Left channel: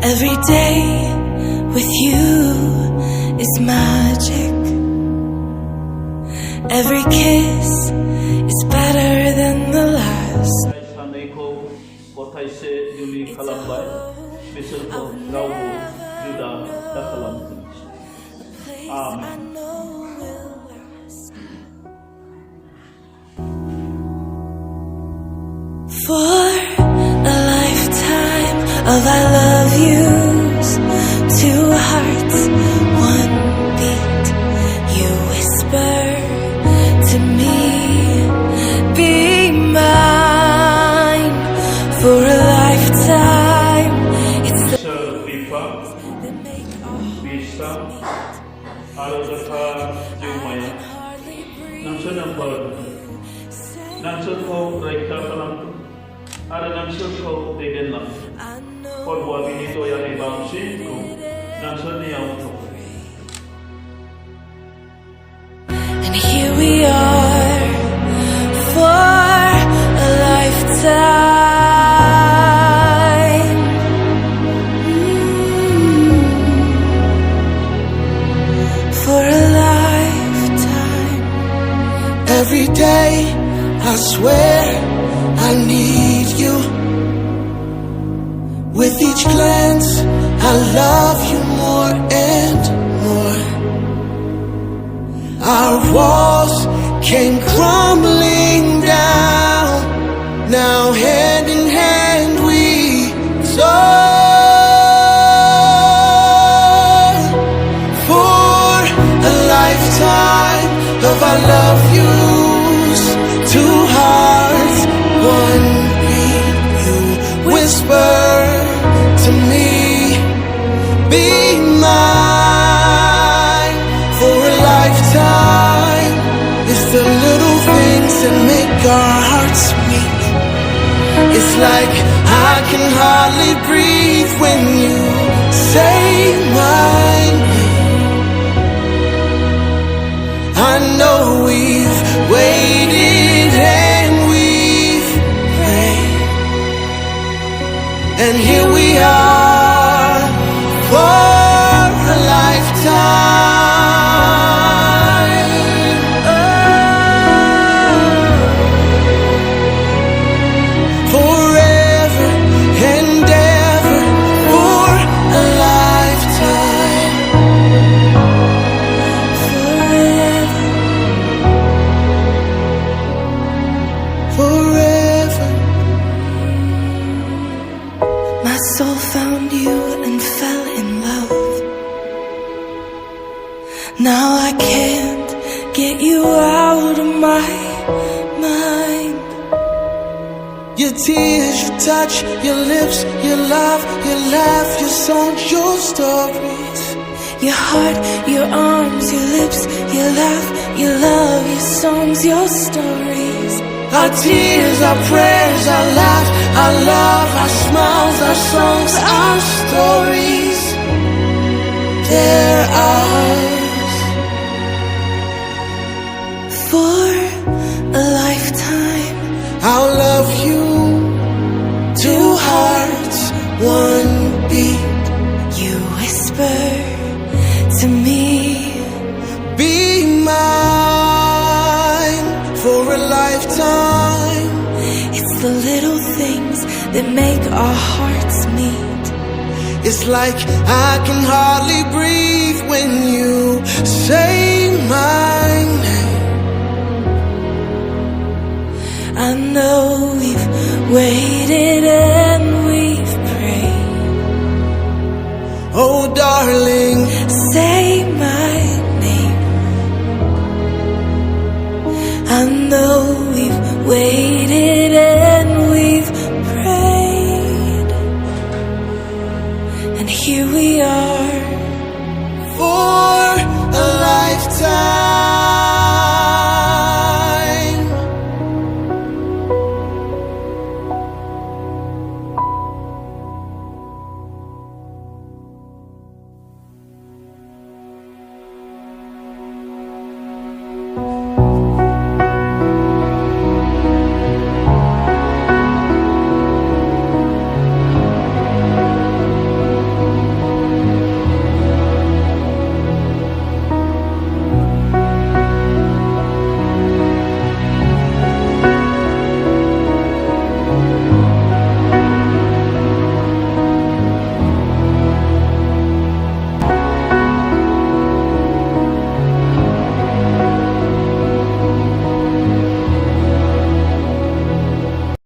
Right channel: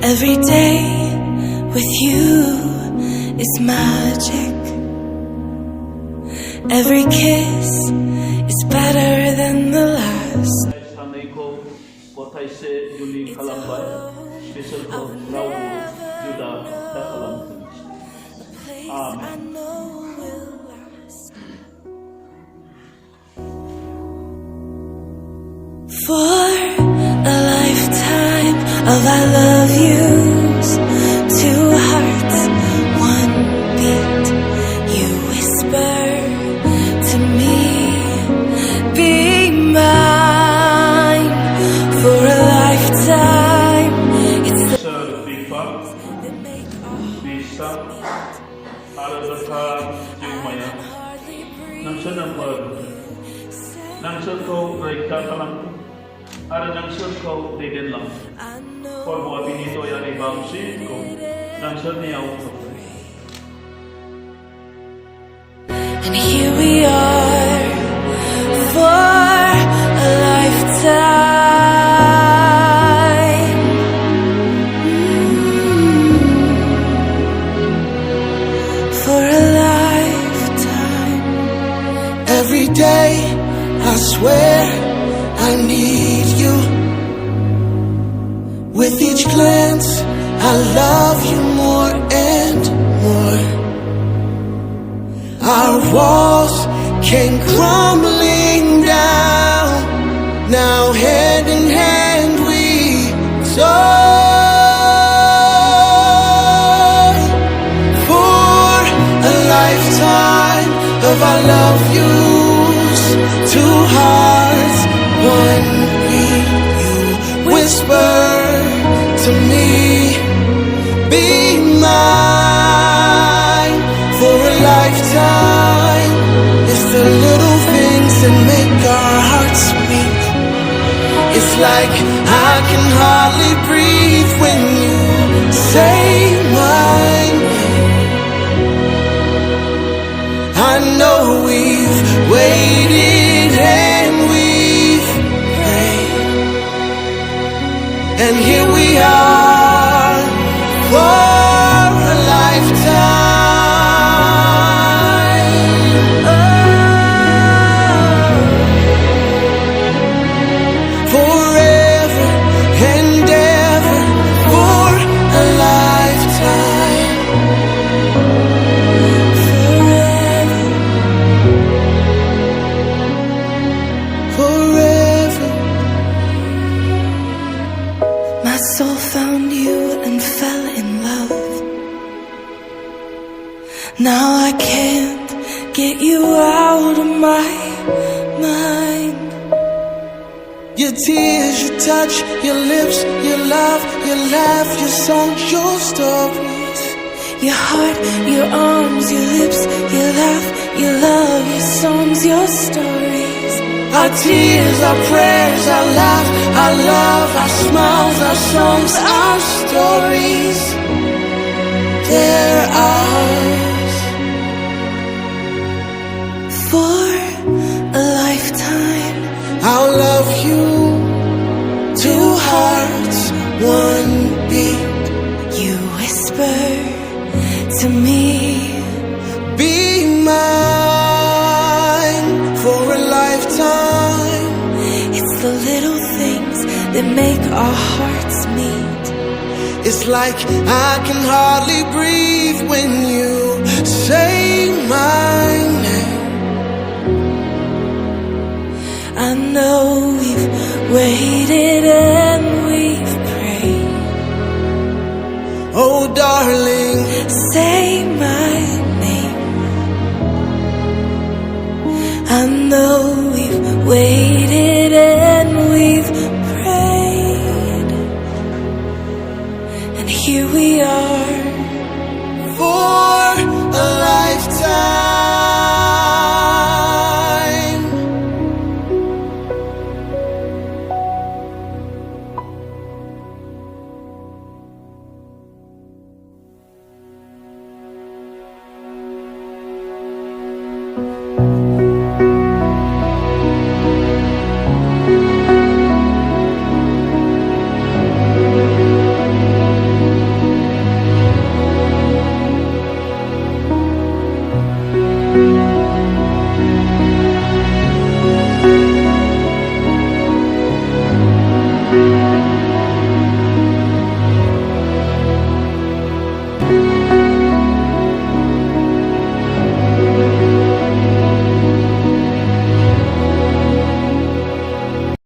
Every day with you is magic. Every kiss is better than the last. It's a home I'll never know, a place I know will last. For a lifetime of I love yous, two hearts, one beat. You whisper to me, be mine for a lifetime. It's the things that make our hearts meet. I can hardly breathe when you say Ada nang surko tegen lang. Por buat ini to yang ibangsi ko nang seniau ko. And here we are for a lifetime. For a lifetime. Every day I swear I need you. With each glance, I love you more and more. Our walls came crumbling down. Now hand in hand we soar. For a lifetime of I love yous, two hearts, one beat. You whisper to me, be mine for a lifetime. It's the little things that make our hearts meet. It's like I can hardly breathe when you say my name. I know we've waited and we've prayed, and here we are for a lifetime. Forever and ever for a lifetime. Forever. Forever. My soul found you and fell in love. Now I can't get you out of my mind. Your tears, your touch, your lips, your love, your laugh, your songs, your stories. Your heart, your arms, your lips, your laugh, your love, your songs, your stories. Our tears, our prayers, our laugh, our love, our smiles, our songs, our stories. They're ours. For a lifetime, I'll love you, two hearts, one beat. You whisper to me, be mine for a lifetime. it's the little things that make our hearts meet. It's like I can hardly breathe when you say my name. I know we've waited and we've prayed. Oh darling, Say my name. I know we've waited and we've prayed, and here we are for a lifetime.